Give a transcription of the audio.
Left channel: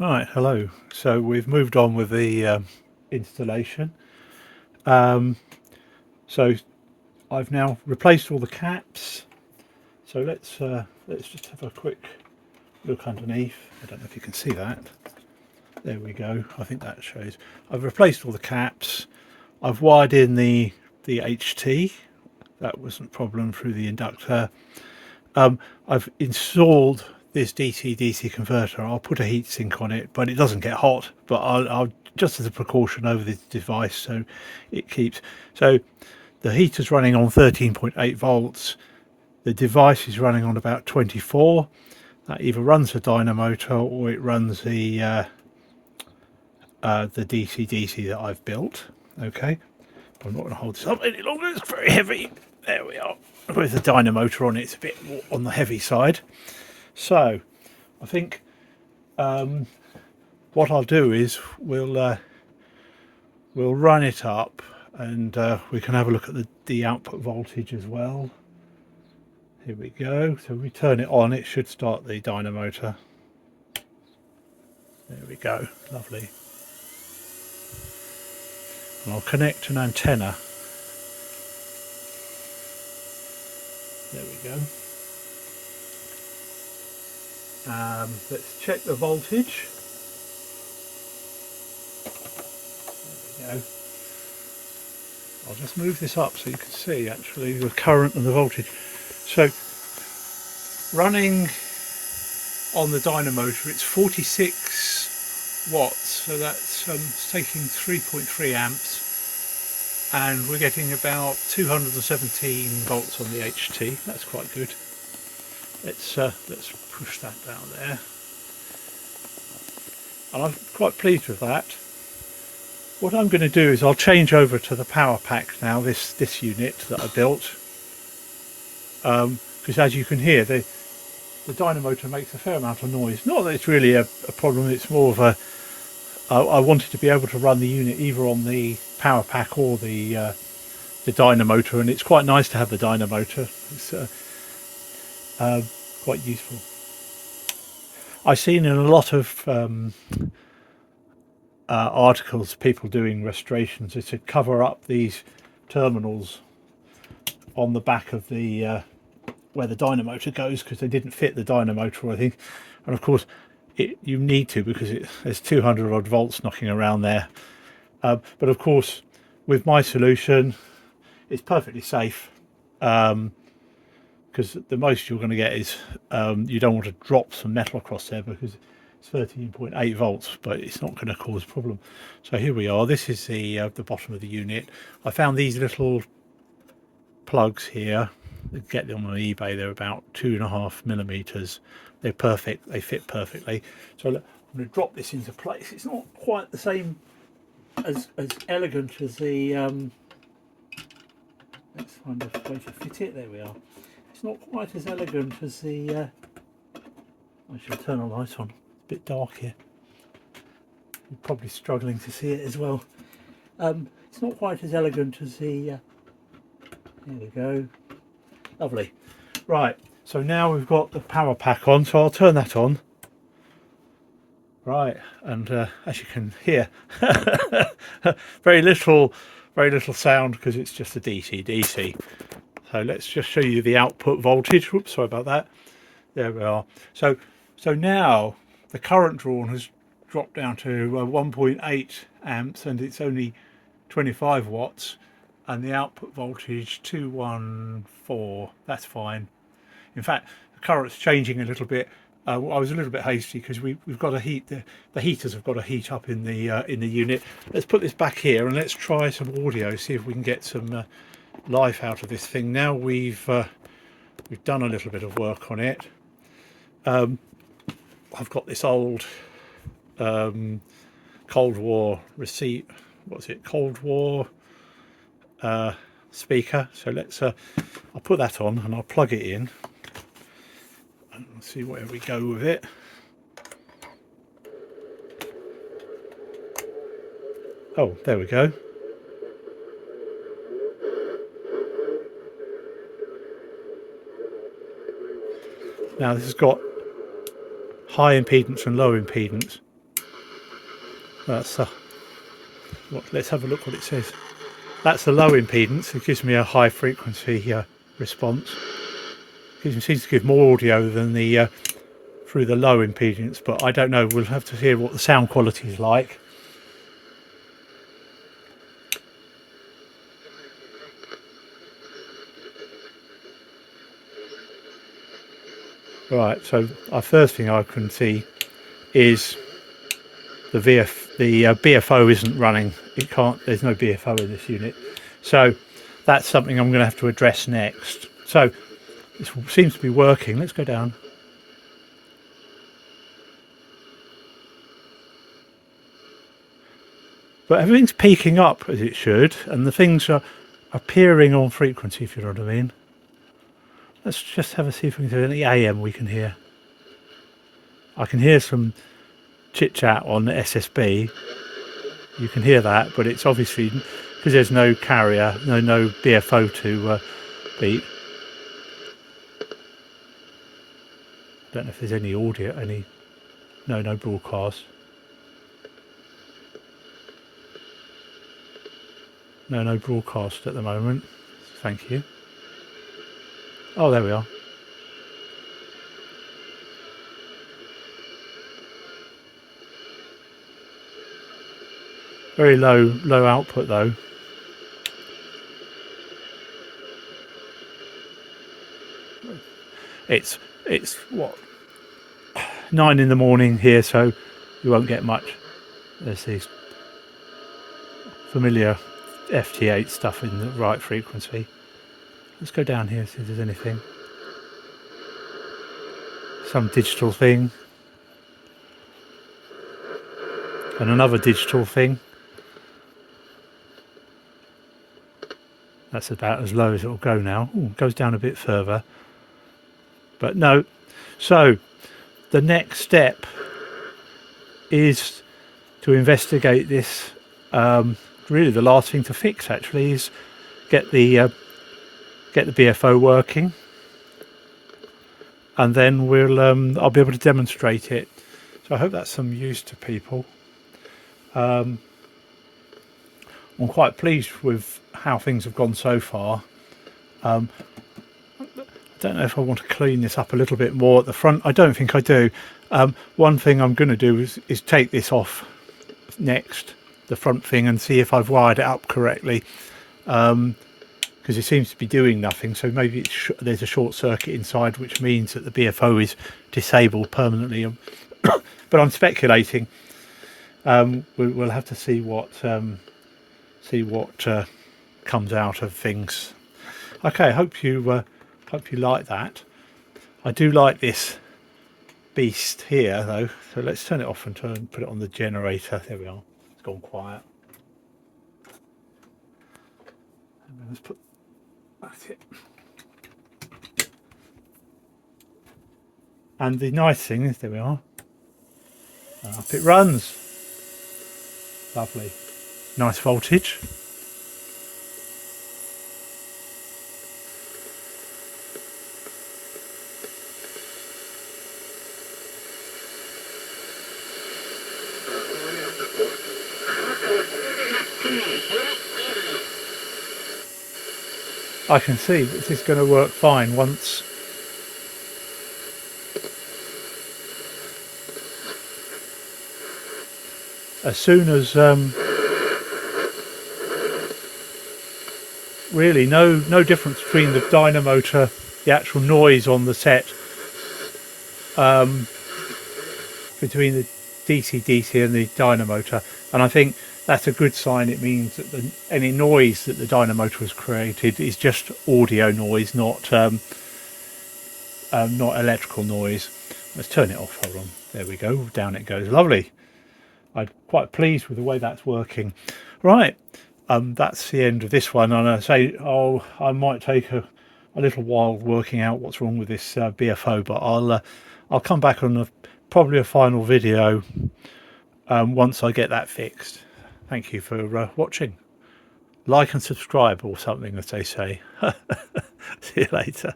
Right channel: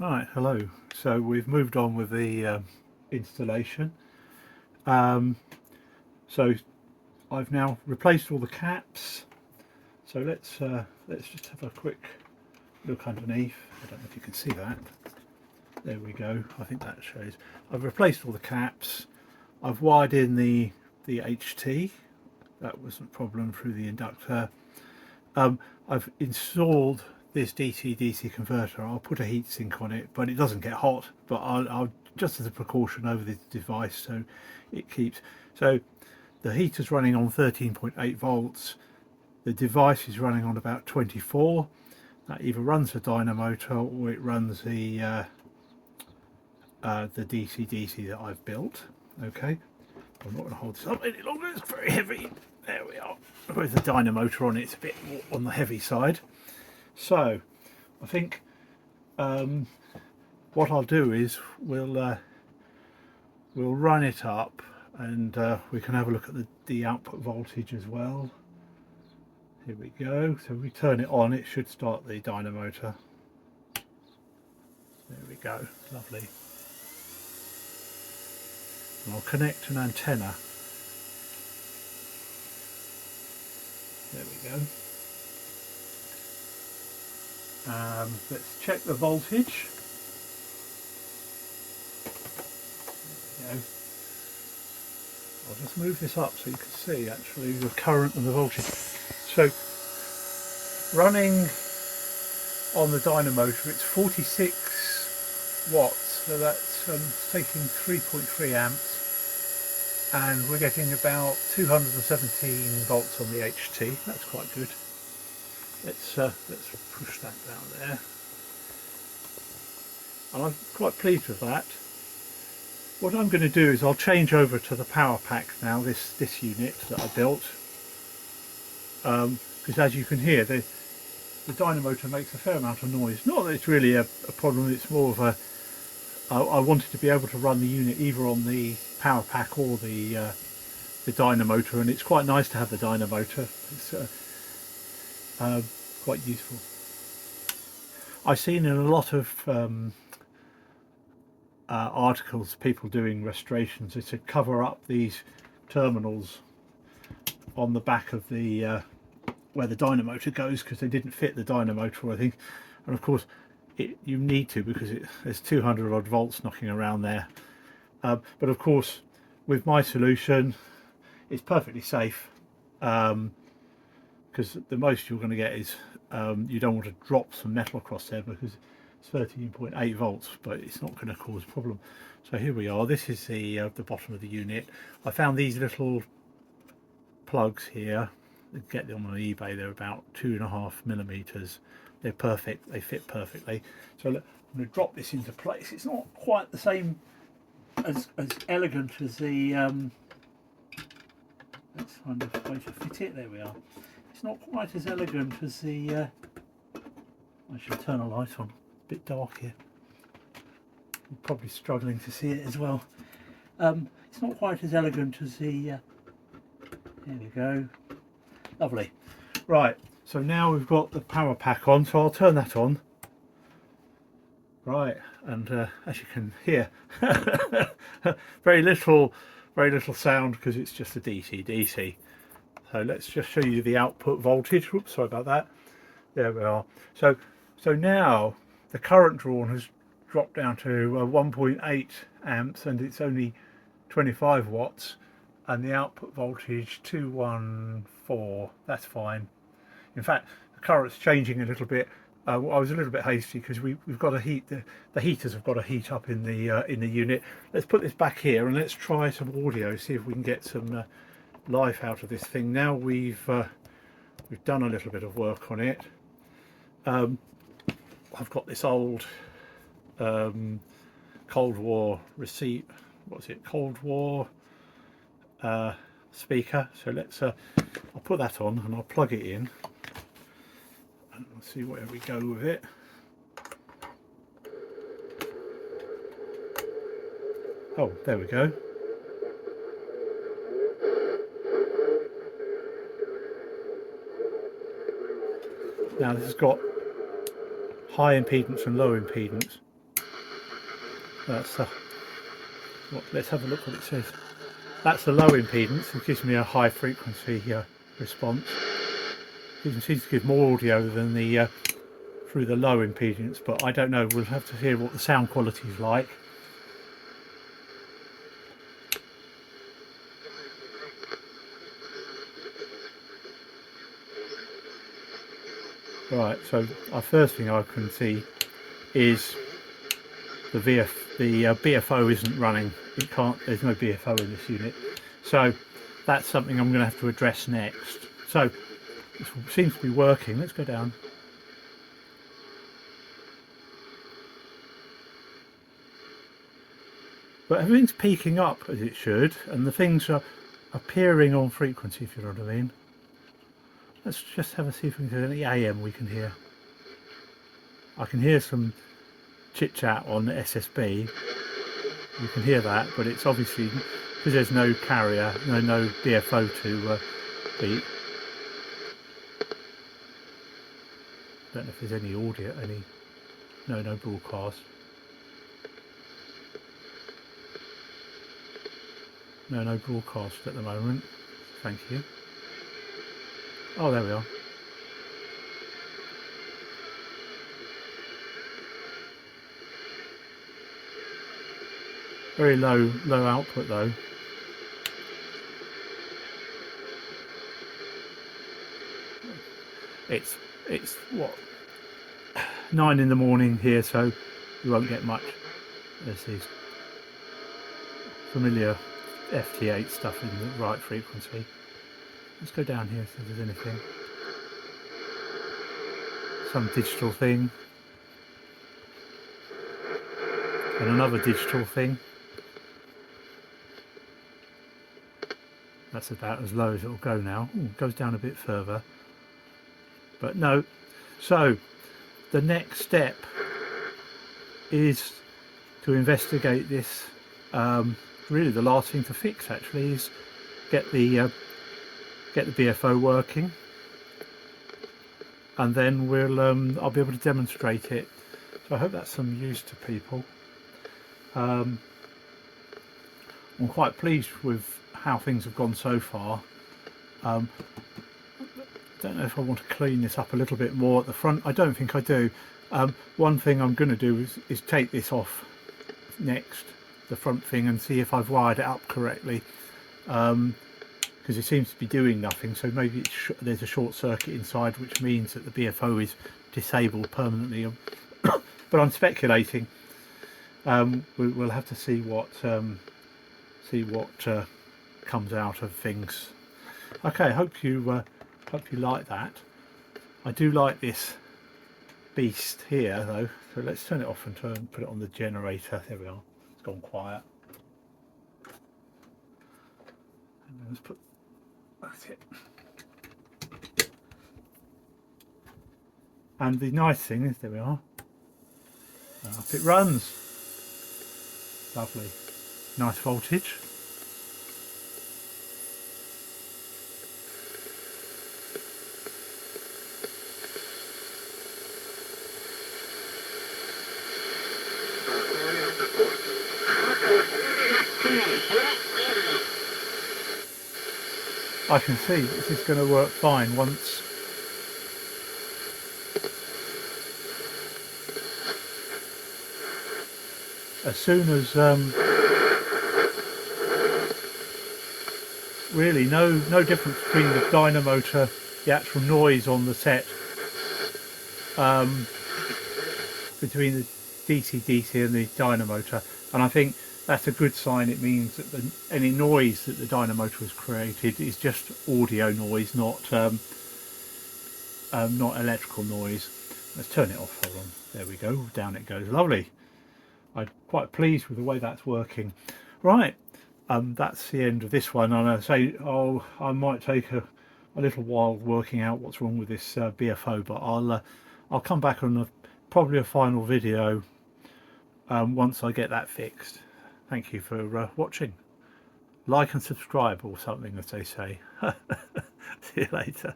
Right, hello. So we've moved on with the installation. Um, so I've now replaced all the caps. So let's just have a quick look underneath. I don't know if you can see that. There we go. I think that shows. I've replaced all the caps. I've wired in the HT. That wasn't a problem through the inductor. I've installed this DC-DC converter. I'll put a heatsink on it, but it doesn't get hot. But I'll just as a precaution over the device, so it keeps. So the heater's running on 13.8 volts. The device is running on about 24. That either runs the Dynamotor or it runs the DC-DC that I've built. Okay, I'm not going to hold this up any longer. It's very heavy. There we are. With the Dynamotor on it, it's a bit more on the heavy side. So I think what I'll do is we'll run it up, and we can have a look at the output voltage as well. Here we go. So we turn it on, it should start the Dynamotor. There we go. Lovely. And I'll connect an antenna. There we go. Let's check the voltage. There we go. I'll just move this up so you can see actually the current and the voltage. So running on the Dynamotor, it's 46 watts, so that's it's taking 3.3 amps, and we're getting about 217 volts on the HT. That's quite good. Let's push that down there, and I'm quite pleased with that. What I'm going to do is I'll change over to the power pack now, this unit that I built, because as you can hear, the Dynamotor makes a fair amount of noise. Not that it's really a problem, it's more of a I wanted to be able to run the unit either on the power pack or the Dynamotor, and it's quite nice to have the Dynamotor. It's quite useful. I've seen in a lot of articles people doing restorations is to cover up these terminals on the back of the where the Dynamotor goes, because they didn't fit the Dynamotor, I think. And of course you need to, because there's 200 odd volts knocking around there. But of course with my solution it's perfectly safe, because the most you're going to get is you don't want to drop some metal across there, because it's 13.8 volts, but it's not going to cause a problem. So here we are. This is the bottom of the unit. I found these little plugs here. Get them on eBay. They're about 2.5 millimeters. They're perfect. They fit perfectly. So look, I'm going to drop this into place. It's not quite the same as elegant as the let's find a way to fit it. There we are. It's not quite as elegant as the I should turn a light on. A bit dark here. You're probably struggling to see it as well. It's not quite as elegant as the there we go. Lovely. Right, so now we've got the power pack on, so I'll turn that on. Right, and as you can hear, very little sound, because it's just a DC. So let's just show you the output voltage. Oops, sorry about that. There we are. So now the current drawn has dropped down to 1.8 amps, and it's only 25 watts, and the output voltage 214. That's fine. In fact, the current's changing a little bit. I was a little bit hasty because we've got to heat the heaters have got to heat up in the unit. Let's put this back here and let's try some audio, see if we can get some life out of this thing. Now we've done a little bit of work on it. I've got this old Cold War receipt. What's it? Cold War speaker. So let's I'll put that on and I'll plug it in and see where we go with it. Oh, there we go. Now this has got high impedance and low impedance. That's let's have a look what it says. That's a low impedance. It gives me a high frequency response. It seems to give more audio than the through the low impedance, but I don't know. We'll have to hear what the sound quality is like. Right, so our first thing I can see is the BFO isn't running. It can't. There's no BFO in this unit, so that's something I'm going to have to address next. So this seems to be working. Let's go down. But everything's peaking up as it should, and the things are appearing on frequency, if you know what I mean. Let's just have a see if we can do any AM we can hear. I can hear some chit chat on the SSB. You can hear that, but it's obviously because there's no carrier, no BFO to beat. Don't know if there's any audio, no broadcast. No broadcast at the moment. Thank you. Oh, there we are. Very low output though. It's what, 9 in the morning here, so you won't get much. There's these familiar FT8 stuff in the right frequency. Let's go down here, see if there's anything. Some digital thing. And another digital thing. That's about as low as it'll go now. Ooh, it goes down a bit further. But no. So the next step is to investigate this. Really the last thing to fix actually is get the BFO working, and then I'll be able to demonstrate it. So I hope that's some use to people. I'm quite pleased with how things have gone so far. I don't know if I want to clean this up a little bit more at the front. I don't think I do. One thing I'm going to do is take this off next, the front thing, and see if I've wired it up correctly, because it seems to be doing nothing. So maybe there's a short circuit inside, which means that the BFO is disabled permanently. But I'm speculating. We'll have to see what comes out of things. Okay, hope you like that. I do like this beast here though, so let's turn it off and put it on the generator. There we are. It's gone quiet. And let's put that's it. And the nice thing is, there we are. Up it runs. Lovely. Nice voltage. I can see this is going to work fine once as soon as really no difference between the Dynamotor, the actual noise on the set, between the DC and the Dynamotor, and I think that's a good sign. It means that any noise that the Dynamotor has created is just audio noise, not electrical noise. Let's turn it off. Hold on. There we go. Down it goes. Lovely. I'm quite pleased with the way that's working. Right. That's the end of this one. And I say, I might take a little while working out what's wrong with this BFO, but I'll come back on probably a final video once I get that fixed. Thank you for watching. Like and subscribe or something, as they say. See you later.